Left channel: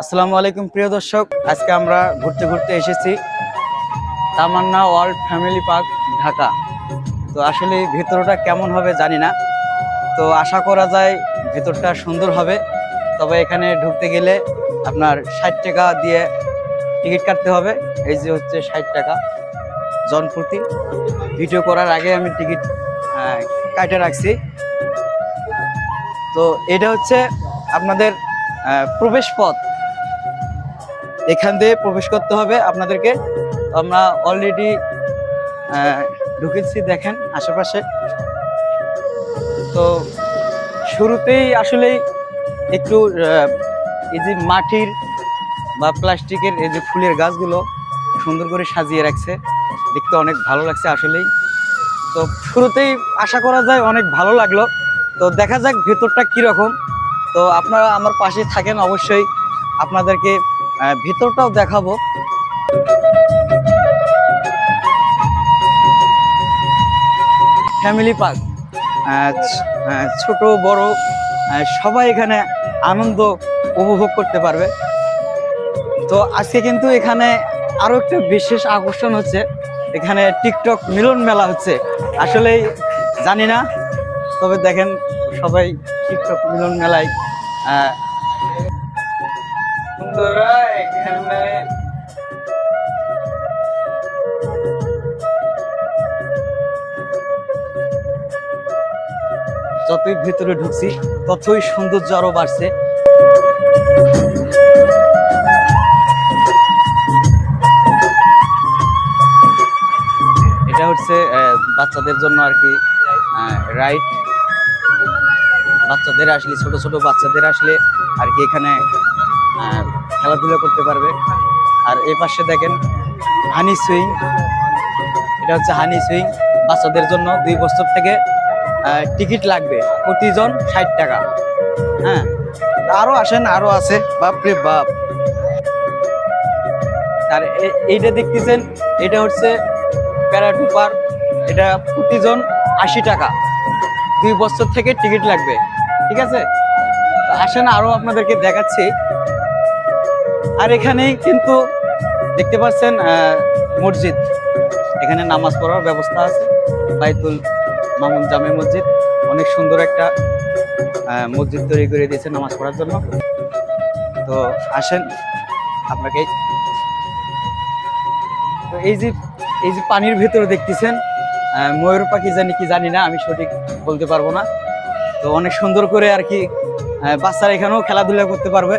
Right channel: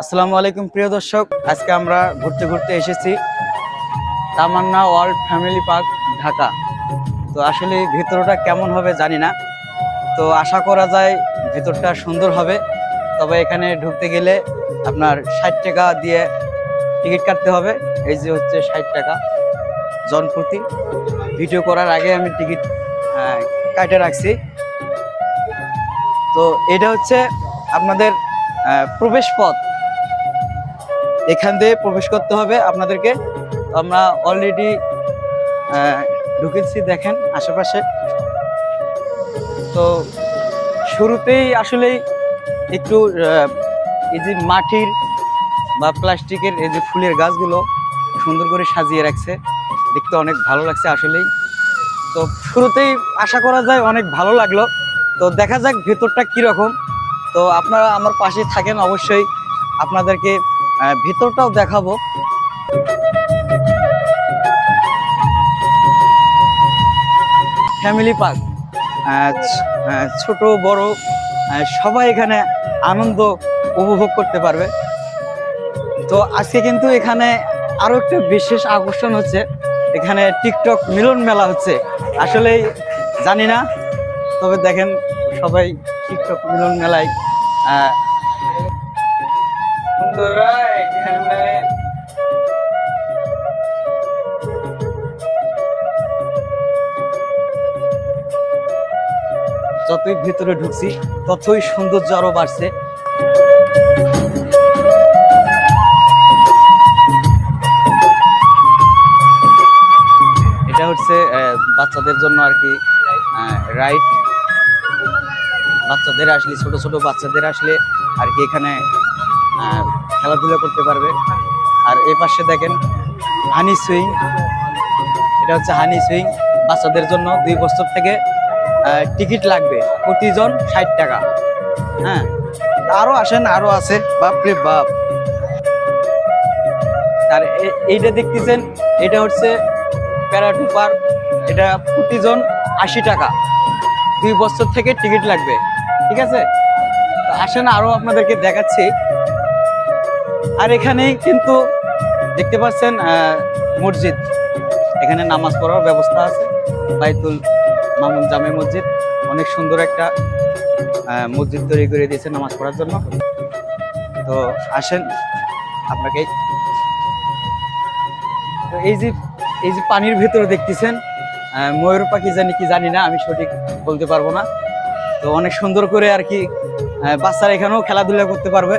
আসসালামু আলাইকুম প্রিয় দর্শক, আজকে আমরা ঘুরতে ঘুরতে এসেছি তামান্না ওয়ার্ল্ড ফ্যামিলি পার্ক ঢাকা। তো আসলে ভেতরটা কেমন হবে জানি না, তো আশা করা যায় ভেতরটা সুন্দর হবে। তবে এখানে ঢুকতে গেলে আপনার 60 টাকা দিয়ে টিকিট কাটতে হবে। এই যে হচ্ছে 60 টাকা জনপ্রতি। ভিডিও করার আগে আমি টিকিট কাটে রাখছি। তো এটা হচ্ছে আপনাদের প্রবেশ পথ, এখান দিয়ে প্রবেশ করতে হবে আপনাদেরকে। আমরা অলরেডি ঢুকেছি, দেখেন আশেপাশে। তো শুরুতেই আসলেই একটু এই যে মাটির বা প্লাস্টিকের এই যে ফুলের গাছগুলো সুন্দর করে সাজিয়ে রাখছে, দেখতে অনেক ভালো লাগছে আসলেই। তো শুরুতেই আশা করা যায় অনেক ভালো লাগলো। তো দেখা যাক ভেতরটা কীরকম। তো আপনারা আমার পাশে থাকেন, অবশ্যই আপনাদেরকে ভেতরটাও দেখাবো। ফ্যামিলি পার্ক, ছোট বড় সবাই এখানে আনন্দ উপভোগ করতে পারবে। তো আজকে কিন্তু এখানে আরো একটা বিশেষ আকর্ষণ হচ্ছে, এখানে টিকটক মিলন মেলা হচ্ছে। আসলে জানি না, তবে দেখেন সবাই টিকটক মিলন মেলায় এখানে যতই ভিতরে ঢুকছি ততই সৌন্দর্য আরো বাড়ছে। এটা হচ্ছে বাচ্চাদের জন্য আর কি রাইড। বাচ্চাদের আসলে ছোট ছোট বাচ্চাদের আসলে আর কি এখানে খেলাধুলা করতে পারবে। আর এই পাশে দেখেন হানি সুইং, এটা হচ্ছে হানি সুইং বাচ্চাদের জন্য। 2 বছর থেকে টিকিট লাগবে, প্রতিজন 60 টাকা। হ্যাঁ, আরো আসেন, আরো আছে, বাপরে বাপ। আর এইটা দেখতেছেন, এটা হচ্ছে প্যারাটুপার, এটা প্রতিজন 80 টাকা। 2 বছর থেকে টিকিট লাগবে, ঠিক আছে। তো আসেন, আরো আপনাদেরকে দেখাচ্ছি। আর এখানেই কিন্তু দেখতে পাচ্ছেন মসজিদ, এখানে নামাজ পড়ার ব্যবস্থা আছে। বাইতুল মামুন জামে মসজিদ, অনেক সুন্দর একটা মসজিদ তৈরি করে দিয়েছে নামাজ পড়ার জন্য। তো আসেন আপনাকে। তো এই যে পানির ভেতরে দেখতেছেন ময়ূর পাখি জানি কি জানি না, আমি সঠিক বলতে পারবো না। তো অনেক সুন্দর করে আর কি বাচ্চারা এখানেও খেলাধুলা করতে পারবে।